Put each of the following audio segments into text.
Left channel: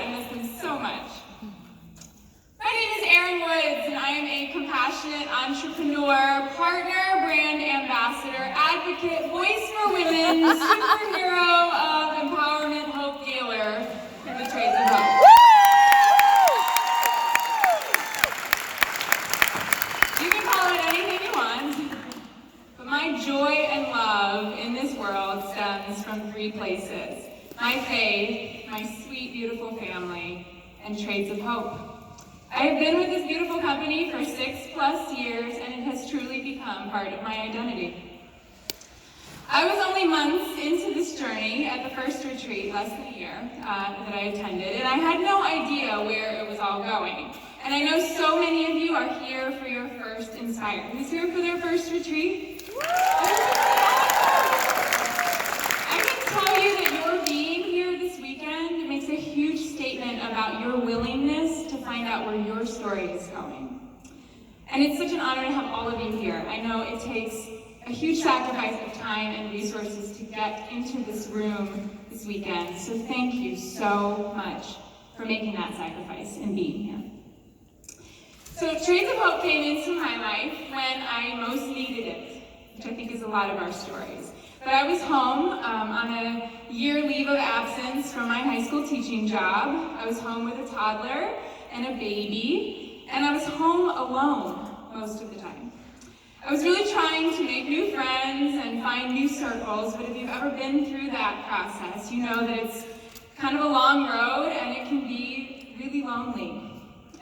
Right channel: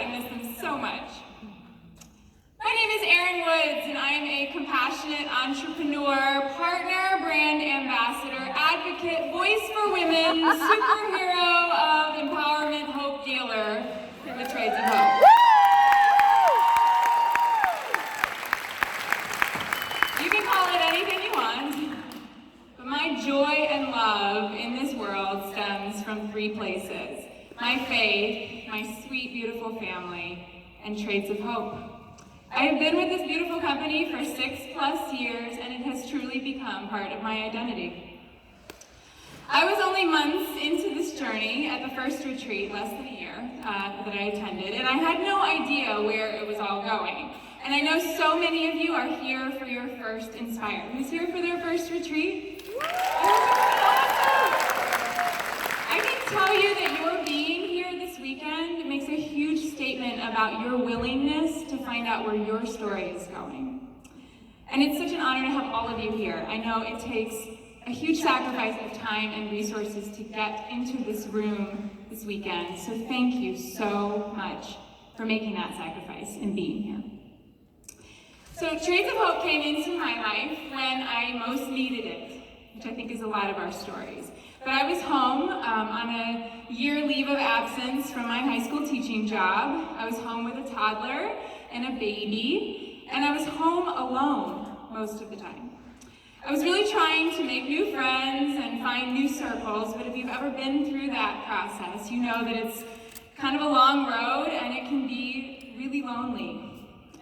I miss them so much. My name is Redwoods, and I am a compassionate entrepreneur, partner, brand ambassador, advocate, voice for women, superhero of empowerment, hope dealer for the Trades of Hope. You can call it anything you want, but my joy and love in this world stems from three places: my faith, my sweet, beautiful family, and Trades of Hope. I have been with this beautiful company for 6+ years, and it has truly become part of my identity. I was only months into this journey at the first retreat, less than a year, that I attended, and I had no idea where it was all going. And I know so many of you are here for your first Inspire. Who's here for their first retreat? I can tell you that your being here this weekend makes a huge statement about your willingness to find out where your story is going. And it's such an honor to have all of you here. I know it takes a huge sacrifice of time and resources to get into this room this weekend. So thank you so much for making that sacrifice and being here. So Trades of Hope came into my life when I most needed it, which I think is a lot of our stories. But I was home on a year leave of absence from my high school teaching job. I was home with a toddler and a baby, and I was home alone most of the time. I was really trying to make new friends and find new circles, but if you've ever been through that process, you know that it's kind of a long road and it can be really lonely.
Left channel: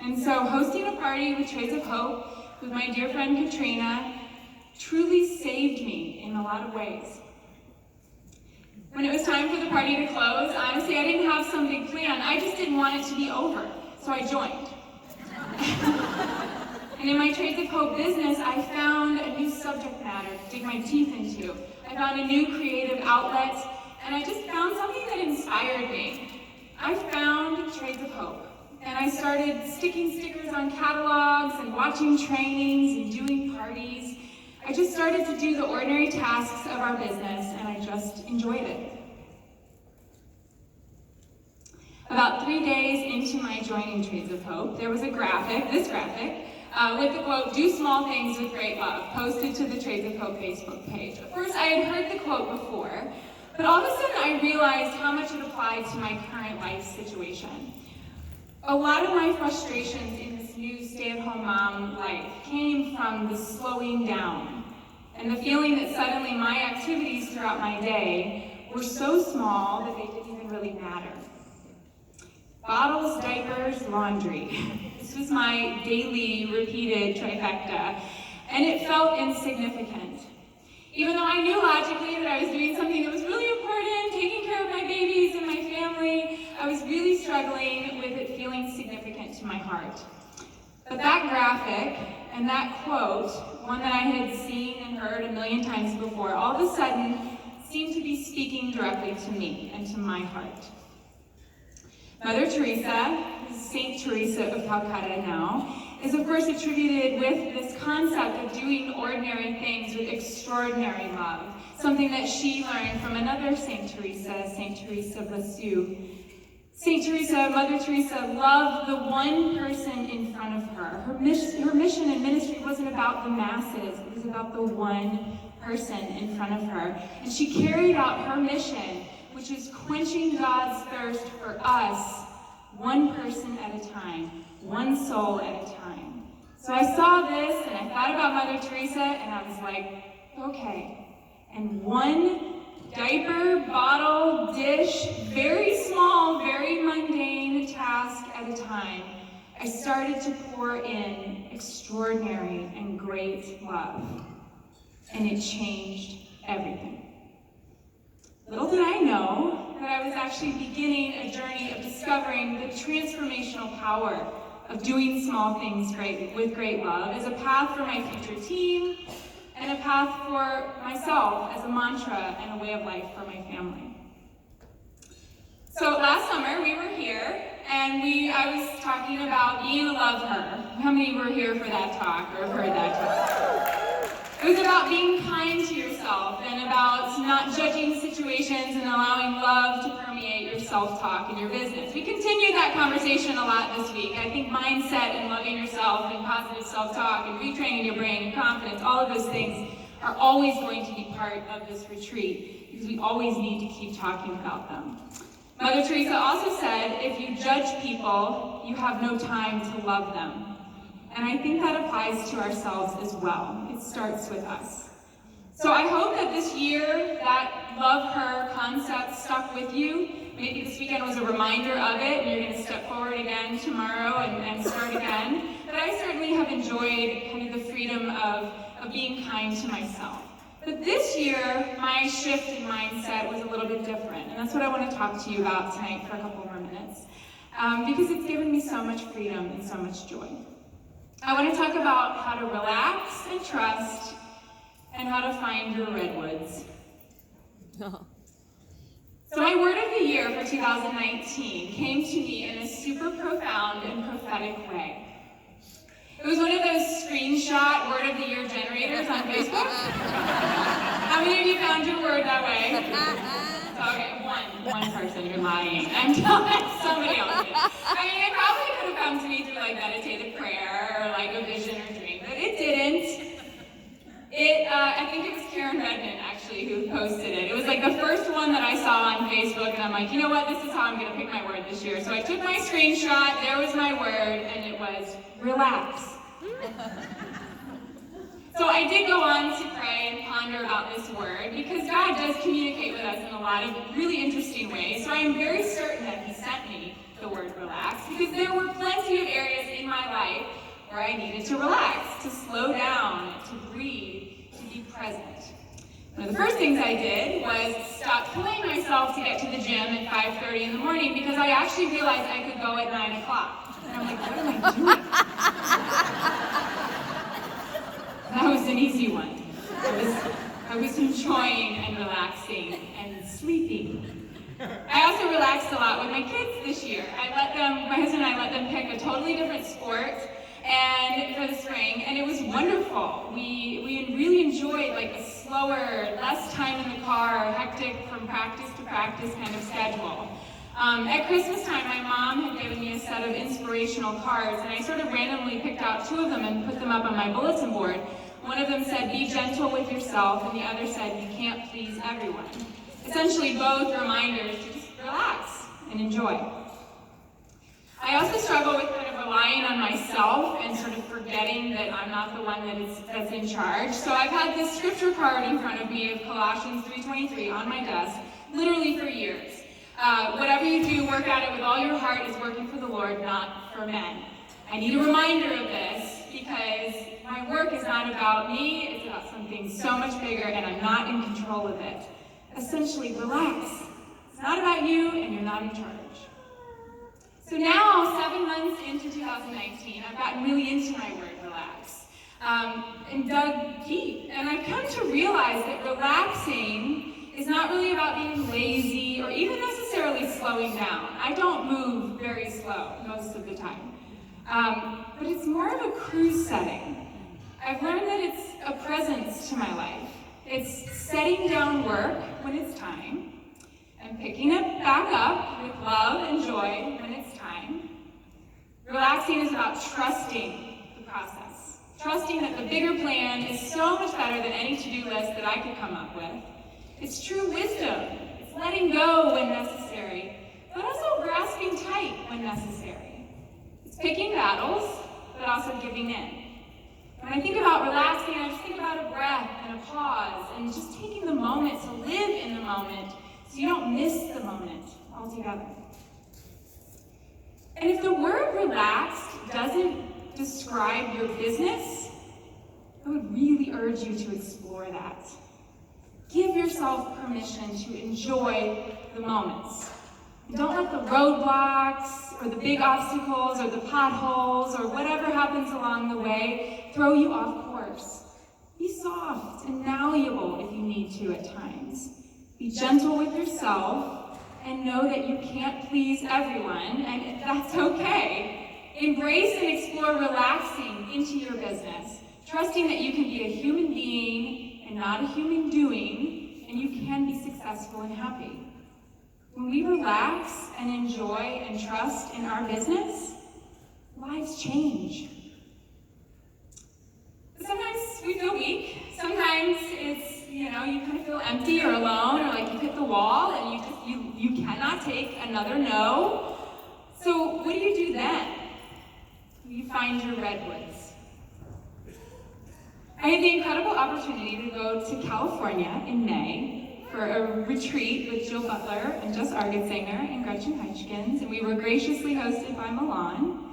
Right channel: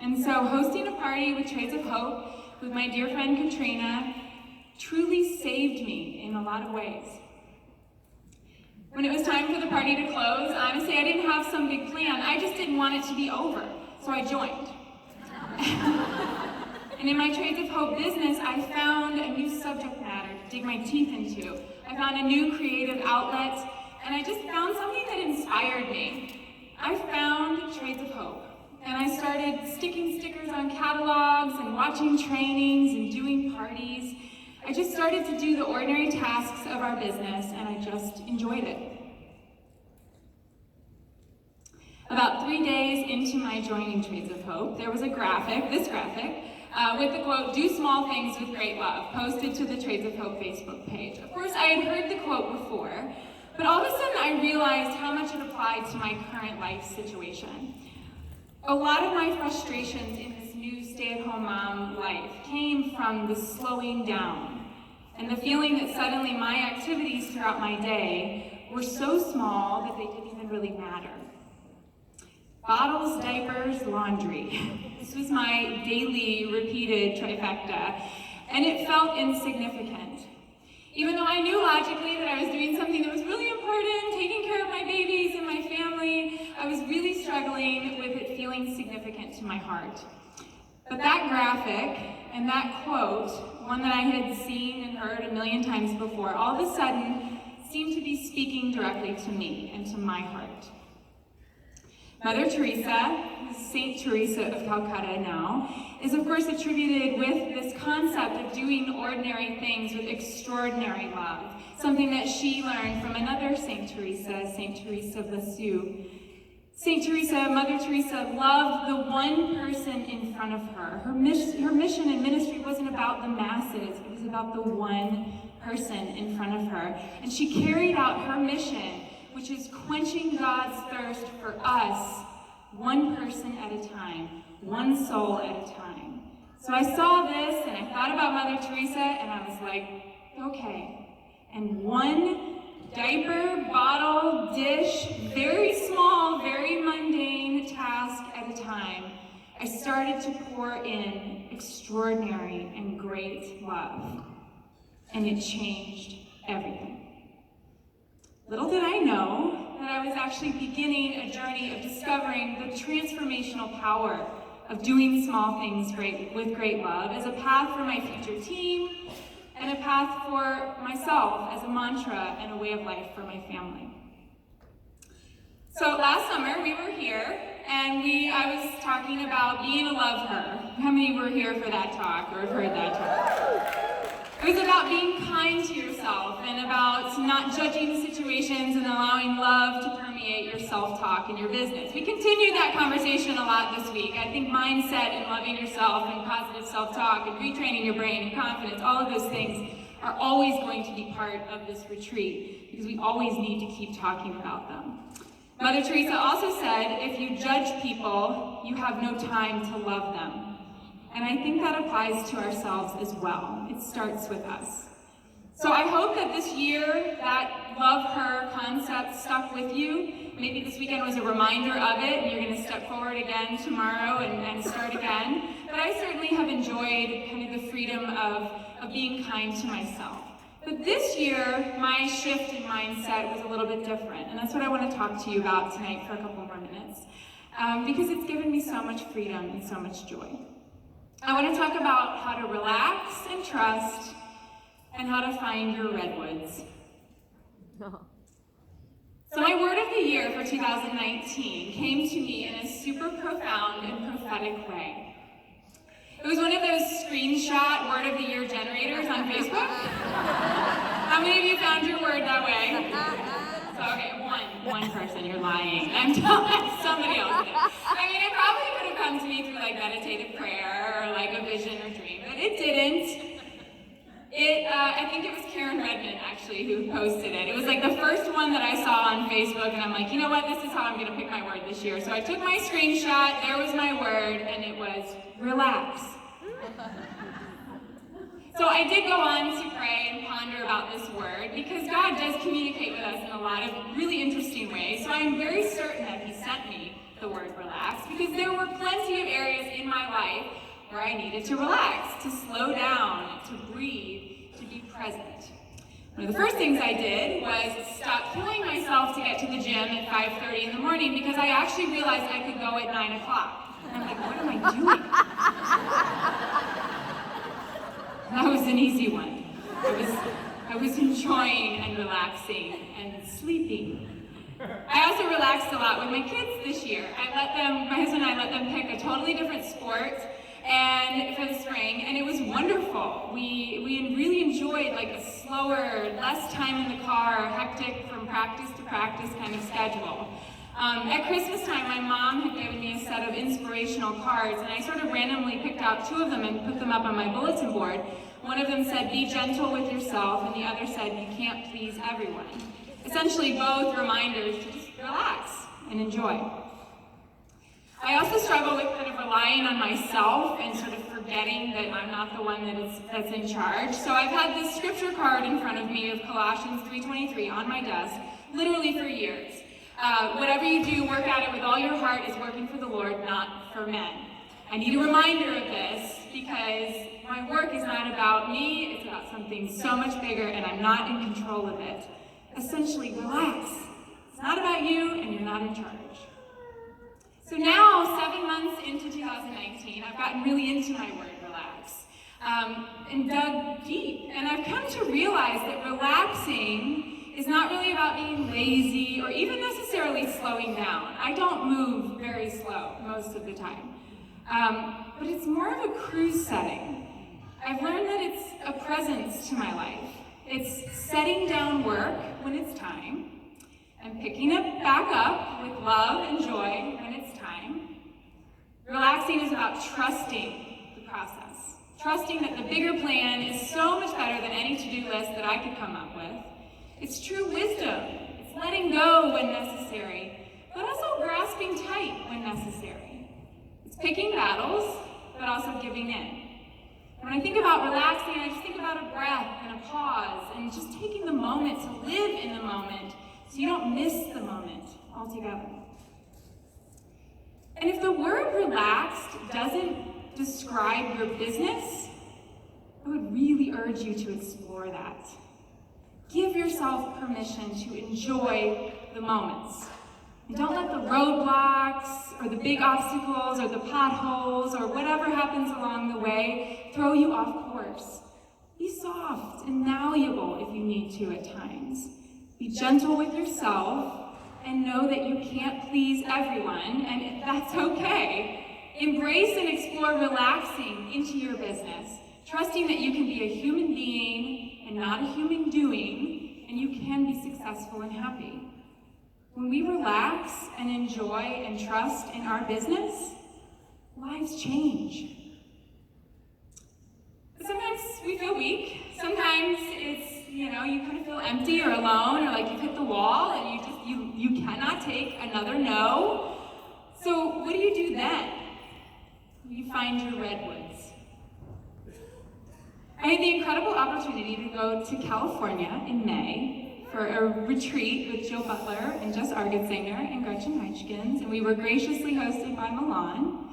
And so hosting a party with Trades of Hope with my dear friend Katrina truly saved me in a lot of ways. When it was time for the party to close, honestly, I didn't have some big plan. I just didn't want it to be over, so I joined. And in my Trades of Hope business, I found a new subject matter to dig my teeth into. I found a new creative outlet, and I just found something that inspired me. I found Trades of Hope, and I started sticking stickers on catalogs and watching trainings and doing parties. I just started to do the ordinary tasks of our business, and I just enjoyed it. About 3 days into my joining Trades of Hope, there was a graphic, this graphic, with the quote, "Do small things with great love," posted to the Trades of Hope Facebook page. Of course, I had heard the quote before, but all of a sudden I realized how much it applied to my current life situation. A lot of my frustrations in this new stay-at-home mom life came from the slowing down and the feeling that suddenly my activities throughout my day were so small that they didn't even really matter. Bottles, diapers, laundry. This was my daily repeated trifecta, and it felt insignificant. Even though I knew logically that I was doing something that was really important, taking care of my babies and my family, I was really struggling with it feeling significant to my heart. But that graphic and that quote, one that I had seen and heard a million times before, all of a sudden seemed to be speaking directly to me and to my heart. Mother Teresa, Saint Teresa of Calcutta now, is of course attributed with this concept of doing ordinary things with extraordinary love, something that she learned from another Saint Teresa of Lisieux. Saint Teresa, Mother Teresa, loved the one person in front of her. Her mission and ministry wasn't about the masses, it was about the one person in front of her. And she carried out her mission, which is quenching God's thirst for us, one person at a time, one soul at a time. So I saw this and I thought about Mother Teresa and I was like, okay. And one diaper, bottle, dish, very small, very mundane task at a time, I started to pour in extraordinary and great love. And it changed everything. Little did I know that I was actually beginning a journey of discovering the transformational power of doing small things with great love as a path for my future team and a path for myself as a mantra and a way of life for my family. So last summer we were here and I was talking about being a love her. How many were here for that talk or have heard that talk? It was about being kind to yourself and about not judging situations and allowing love to permeate yourself self-talk in your business. We continued that conversation a lot this week. I think mindset and loving yourself and positive self-talk and retraining your brain and confidence, all of those things are always going to be part of this retreat because we always need to keep talking about them. Mother Teresa also said, if you judge people, you have no time to love them. And I think that applies to ourselves as well. It starts with us. So I hope that this year, that love her concept stuck with you. Maybe this weekend was a reminder of it, and you're going to step forward again tomorrow and start again. But I certainly have enjoyed kind of the freedom of being kind to myself. But this year, my shift in mindset was a little bit different, and that's what I want to talk to you about tonight for a couple more minutes, because it's given me so much freedom and so much joy. I want to talk about how to relax and trust, and how to find your redwoods. So my word of the year for 2019 came to me in a super profound and prophetic way. It was one of those screenshot word of the year generators on Facebook. How many of you found your word that way? Okay, one person, you're lying. I'm telling somebody else did. I mean, it probably could have come to me through like meditative prayer or like a vision or dream, but it didn't. I think it was Karen Redmond actually who posted it. It was like the first one that I saw on Facebook, and I'm like, you know what, this is how I'm going to pick my word this year. So I took my screenshot, there was my word, and it was relax. So I did go on to pray and ponder about this word, because God does communicate with us in a lot of really interesting ways. So I am very certain that He sent me the word relax, because there were plenty of areas in my life where I needed to relax, to slow down, to breathe, to be present. One of the first things I did was stop killing myself to get to the gym at 5:30 in the morning, because I actually realized I could go at 9 o'clock. And I'm like, what am I doing? That was an easy one. I was enjoying and relaxing and sleeping. I also relaxed a lot with my kids this year. My husband and I let them pick a totally different sport and for the spring, and it was wonderful. We really enjoyed like a slower, less time in the car, hectic from practice to practice kind of schedule. At Christmas time, my mom had given me a set of inspirational cards, and I sort of randomly picked out 2 of them and put them up on my bulletin board. One of them said, be gentle with yourself, and the other said, you can't please everyone. Essentially both reminders to just relax and enjoy. I also struggle with kind of relying on myself and sort of forgetting that I'm not the one that's in charge. So I've had this scripture card in front of me of Colossians 3:23 on my desk, literally for years. Whatever you do, work at it with all your heart is working for the Lord, not for men. I need a reminder of this because my work is not about me, it's about something so much bigger, and I'm not in control of it. Essentially, relax. It's not about you, and you're not in charge. So now, 7 months into 2019, I've gotten really into my word, relax, and dug deep. And I've come to realize that relaxing is not really about being lazy or even necessarily slowing down. I don't move very slow most of the time. But it's more of a cruise setting. I've learned that it's a presence to my life. It's setting down work when it's time, and picking it back up with love and joy when it's time. Relaxing is about trusting the process. Trusting that the bigger plan is so much better than any to-do list that I could come up with. It's true wisdom. It's letting go when necessary, but also grasping tight when necessary. It's picking battles, but also giving in. When I think about relaxing, I just think about a breath and a pause and just taking the moment to live in the moment so you don't miss the moment altogether. And if the word relaxed doesn't describe your business, I would really urge you to explore that. Give yourself permission to enjoy the moments. And don't let the roadblocks or the big obstacles or the potholes or whatever happens along the way throw you off course. Be soft and malleable if you need to at times. Be gentle with yourself and know that you can't please everyone, and that's okay. Embrace and explore relaxing into your business, trusting that you can be a human being and not a human doing, and you can be successful and happy. When we relax, relax and enjoy and trust in our business, lives change. But sometimes we feel weak. Sometimes it's, you kind of feel empty or alone, or like you hit the wall and you cannot take another no. So what do you do then? You find your redwoods. I had the incredible opportunity to go to California in May for a retreat with Jill Butler and Jess Argetsinger and Gretchen Heichkins, and we were graciously hosted by Milan.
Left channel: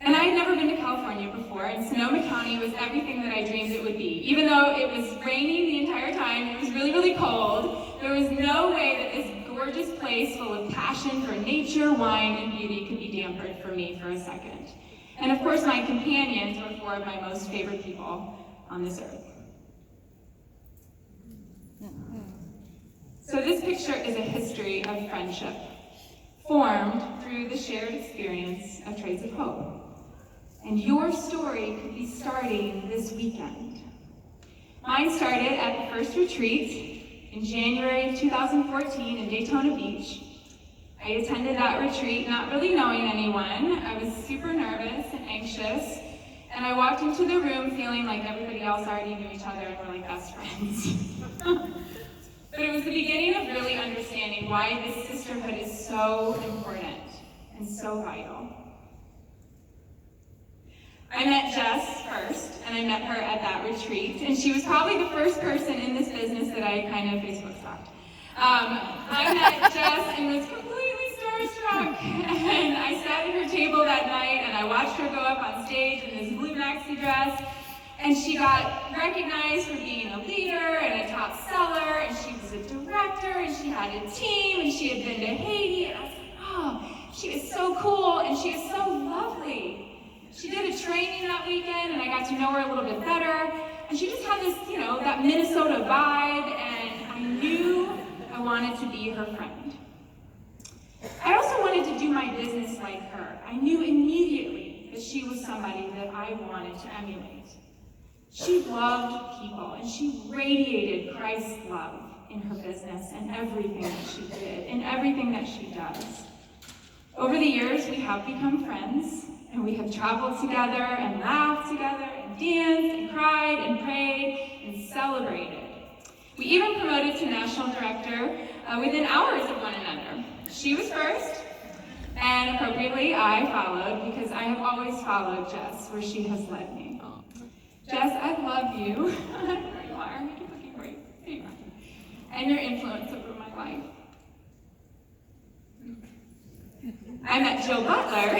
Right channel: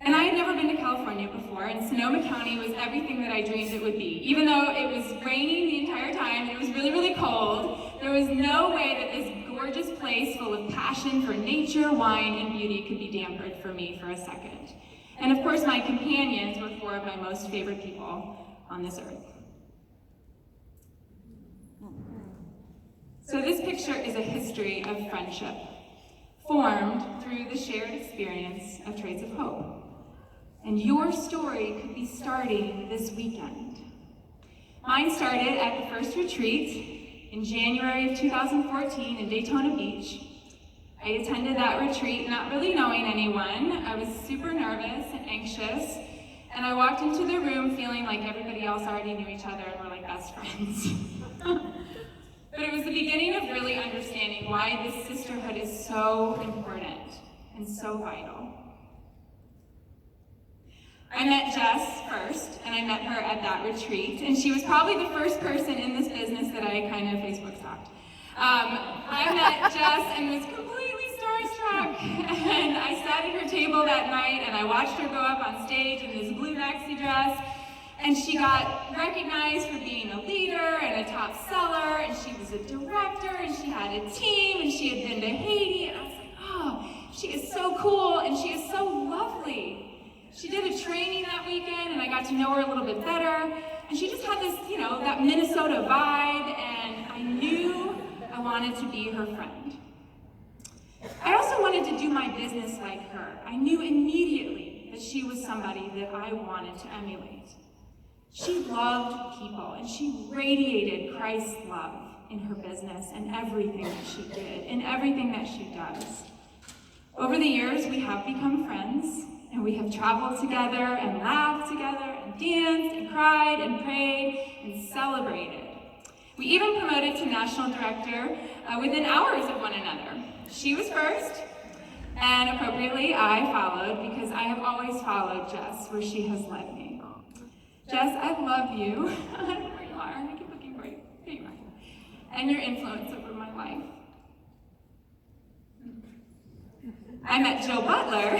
And I had never been to California before, and Sonoma County was everything that I dreamed it would be. Even though it was raining the entire time, and it was really, really cold, there was no way that this gorgeous place full of passion for nature, wine, and beauty could be dampened for me for a second. And of course, my companions were four of my most favorite people on this earth. So this picture is a history of friendship, formed through the shared experience of Trades of Hope. And your story could be starting this weekend. Mine started at the first retreat in January of 2014 in Daytona Beach. I attended that retreat not really knowing anyone. I was super nervous and anxious, and I walked into the room feeling like everybody else already knew each other and were like best friends. But it was the beginning of really understanding why this sisterhood is so important and so vital. I met Jess first, and I met her at that retreat, and she was probably the first person in this business that I kind of Facebook stalked. I met Jess and was completely starstruck, and I sat at her table that night, and I watched her go up on stage in this blue maxi dress, and she got recognized for being a leader and a top seller, and she was a director, and she had a team, and she had been to Haiti, and I was like, oh, she is so cool, and she is so lovely. She did a training that weekend, and I got to know her a little bit better, and she just had this, that Minnesota vibe, and I knew I wanted to be her friend. I also wanted to do my business like her. I knew immediately that she was somebody that I wanted to emulate. She loved people, and she radiated Christ's love in her business and everything that she did, and everything that she does. Over the years, we have become friends, and we have traveled together and laughed together and danced and cried and prayed and celebrated. We even promoted to national director within hours of one another. She was first, and appropriately I followed, because I have always followed Jess where she has led me. Jess, I love you. I don't know where you are. I keep looking for you. There you are. And your influence over my life. I met Jill Butler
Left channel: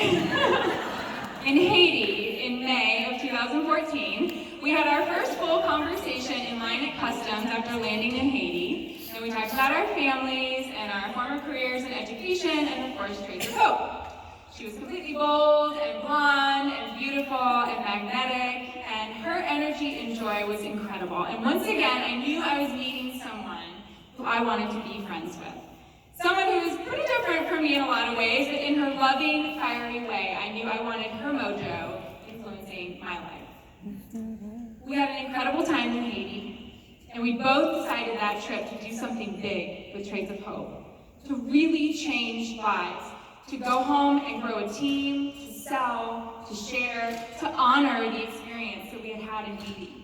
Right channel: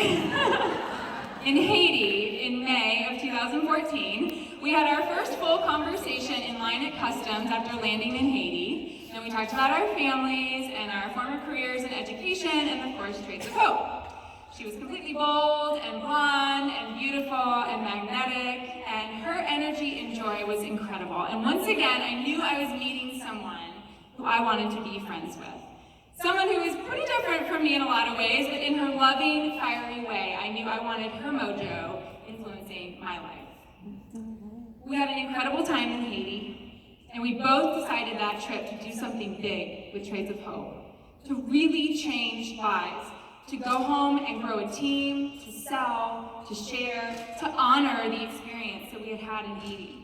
in Haiti in May of 2014. We had our first full conversation in line at customs after landing in Haiti. And we talked about our families and our former careers in education and, of course, Trades of Hope. She was completely bold and blonde and beautiful and magnetic, and her energy and joy was incredible. And once again, I knew I was meeting someone who I wanted to be friends with. Someone who was pretty different from me in a lot of ways, but in her loving, fiery way, I knew I wanted her mojo influencing my life. We had an incredible time in Haiti, and we both decided that trip to do something big with Trades of Hope, to really change lives, to go home and grow a team, to sell, to share, to honor the experience that we had had in Haiti.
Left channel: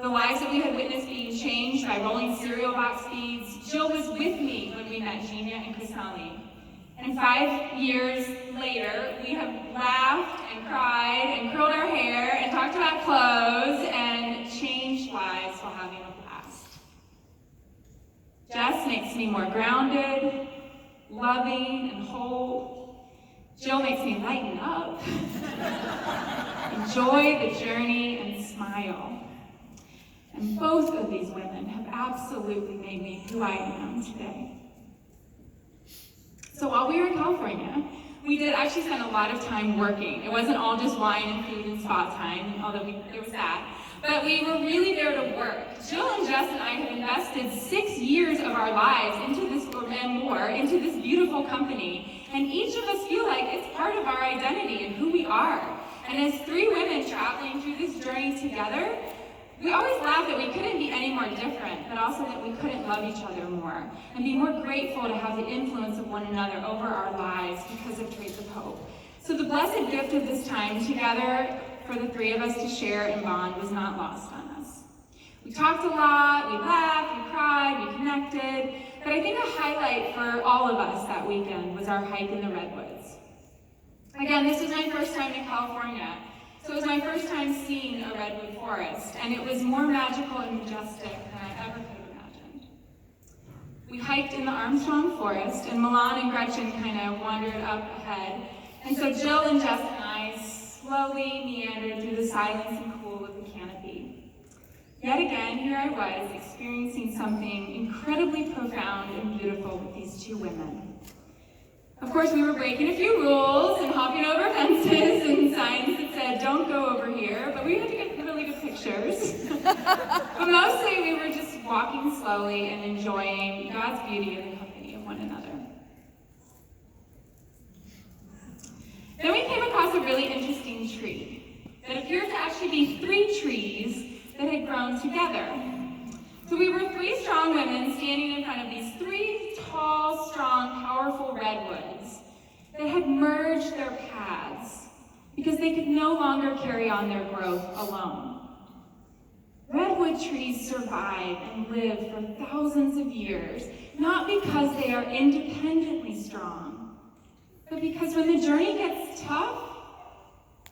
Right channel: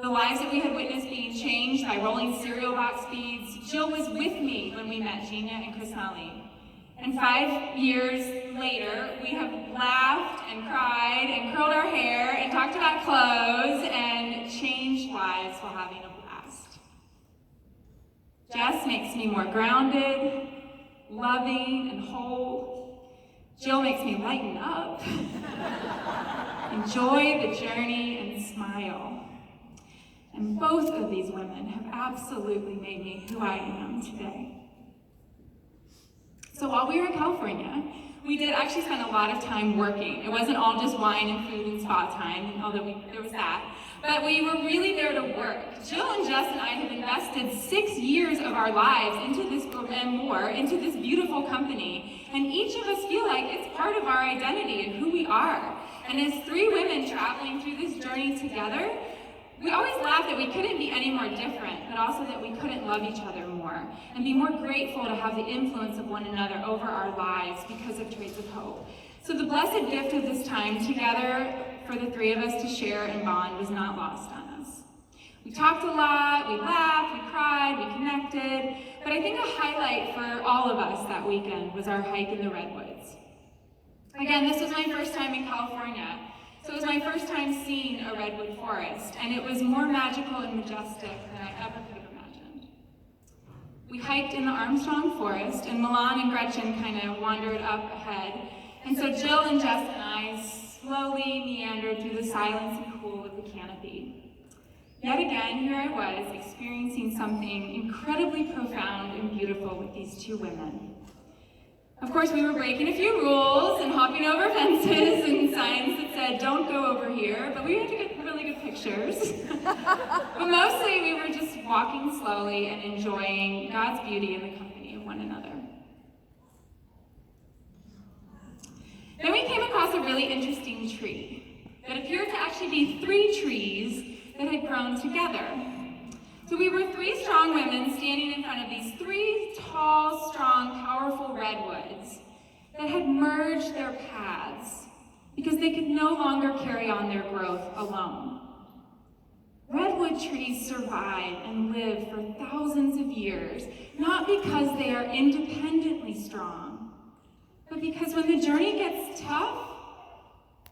The lives that we had witnessed being changed by rolling cereal box feeds. Jill was with me when we met Gina and Chrisali. And 5 years later, we have laughed and cried and curled our hair and talked about clothes and changed lives while having a blast. Jess makes me more grounded, loving, and whole. Jill makes me lighten up, enjoy the journey, and smile. And both of these women have absolutely made me who I am today. So while we were in California, we did actually spend a lot of time working. It wasn't all just wine and food and spa time, although there was that. But we were really there to work. Jill and Jess and I have invested 6 years of our lives into this, and more, into this beautiful company. And each of us feel like it's part of our identity and who we are. And as 3 women traveling through this journey together, We always laugh that we couldn't be any more different, but also that we couldn't love each other more and be more grateful to have the influence of one another over our lives because of Trades of Hope. So the blessed gift of this time together for the three of us to share and bond was not lost on us. We talked a lot, we laughed, we cried, we connected, but I think a highlight for all of us that weekend was our hike in the Redwoods. Again, this was my first time in California. So it was my first time seeing a redwood forest, and it was more magical and majestic than I ever could have imagined. We hiked in the Armstrong Forest, and Milan and Gretchen kind of wandered up ahead, and so Jill and Jess and I slowly meandered through the silence and cool of the canopy. Yet again, here I was, experiencing something incredibly profound and beautiful with these two women. Of course, we were breaking a few rules and hopping over fences and signs that said, "Don't go over here," but we had to get really good pictures. But mostly, we were just walking slowly and enjoying God's beauty in the company of one another. Then we came across a really interesting tree that appeared to actually be three trees that had grown together. So we were three strong women standing in front of these three tall, strong, powerful redwoods that had merged their paths because they could no longer carry on their growth alone. Redwood trees survive and live for thousands of years, not because they are independently strong, but because when the journey gets tough,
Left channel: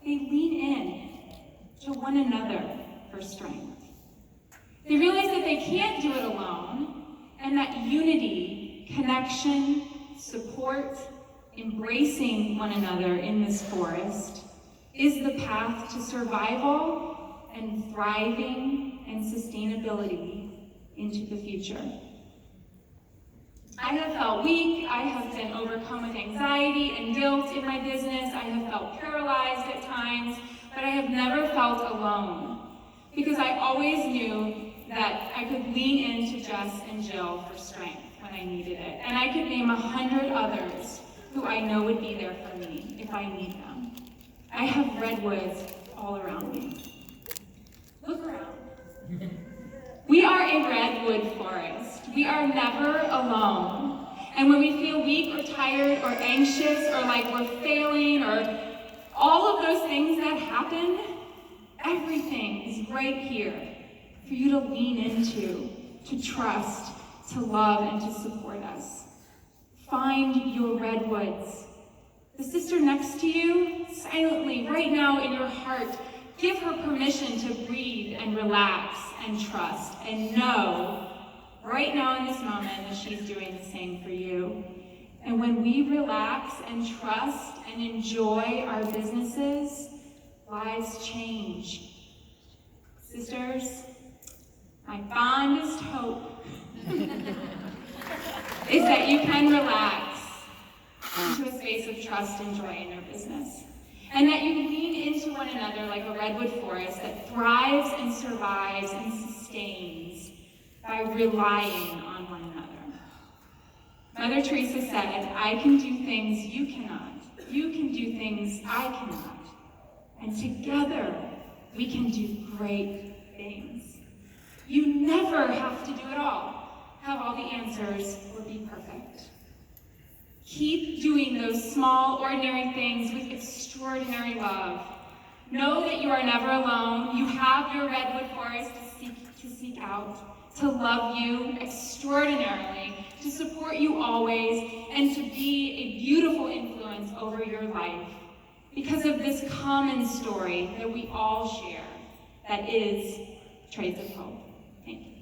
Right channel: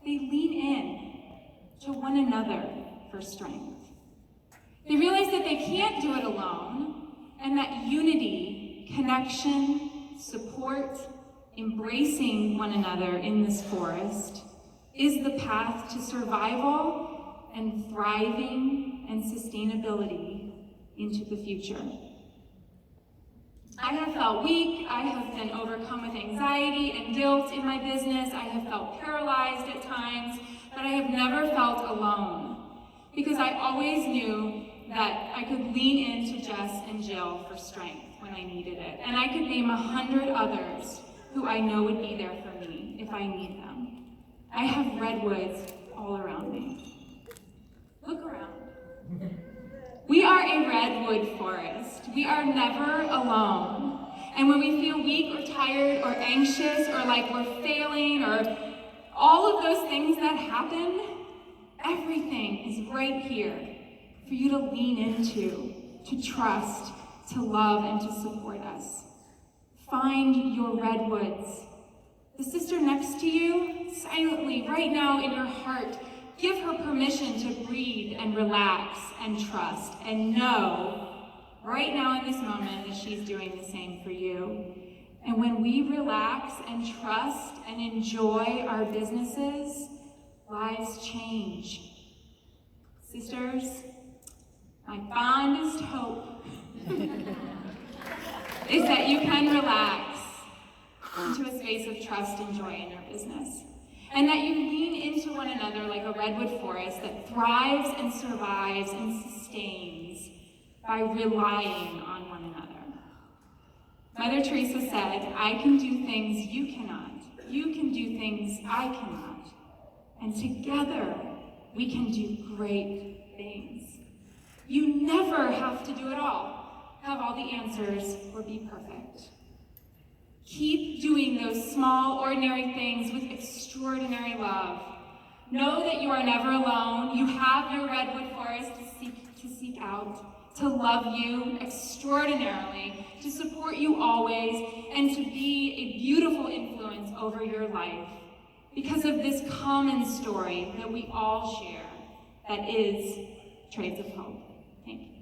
they lean in to one another for strength. They realize that they can't do it alone, and that unity, connection, support, embracing one another in this forest is the path to survival and thriving and sustainability into the future. I have felt weak, I have been overcome with anxiety and guilt in my business, I have felt paralyzed at times, but I have never felt alone, because I always knew that I could lean into Jess and Jill for strength when I needed it. And I could name 100 others who I know would be there for me if I need them. I have redwoods all around me. Look around. We are a redwood forest. We are never alone. And when we feel weak or tired or anxious or like we're failing or all of those things that happen, everything is right here for you to lean into, to trust, to love, and to support us. Find your redwoods. The sister next to you, silently, right now in your heart, give her permission to breathe and relax and trust and know, right now in this moment, that she's doing the same for you. And when we relax and trust and enjoy our businesses, lives change. Sisters, my fondest hope is that you can relax into a space of trust and joy in your business, and that you lean into one another like a redwood forest that thrives and survives and sustains by relying on one another. Mother Teresa said, "I can do things you cannot. You can do things I cannot. And together, we can do great things." You never have to do it all, have all the answers, or be perfect. Keep doing those small, ordinary things with extraordinary love. Know that you are never alone. You have your redwood forest to seek out, to love you extraordinarily, to support you always, and to be a beautiful influence over your life because of this common story that we all share, that is Trades of Hope. Thank you.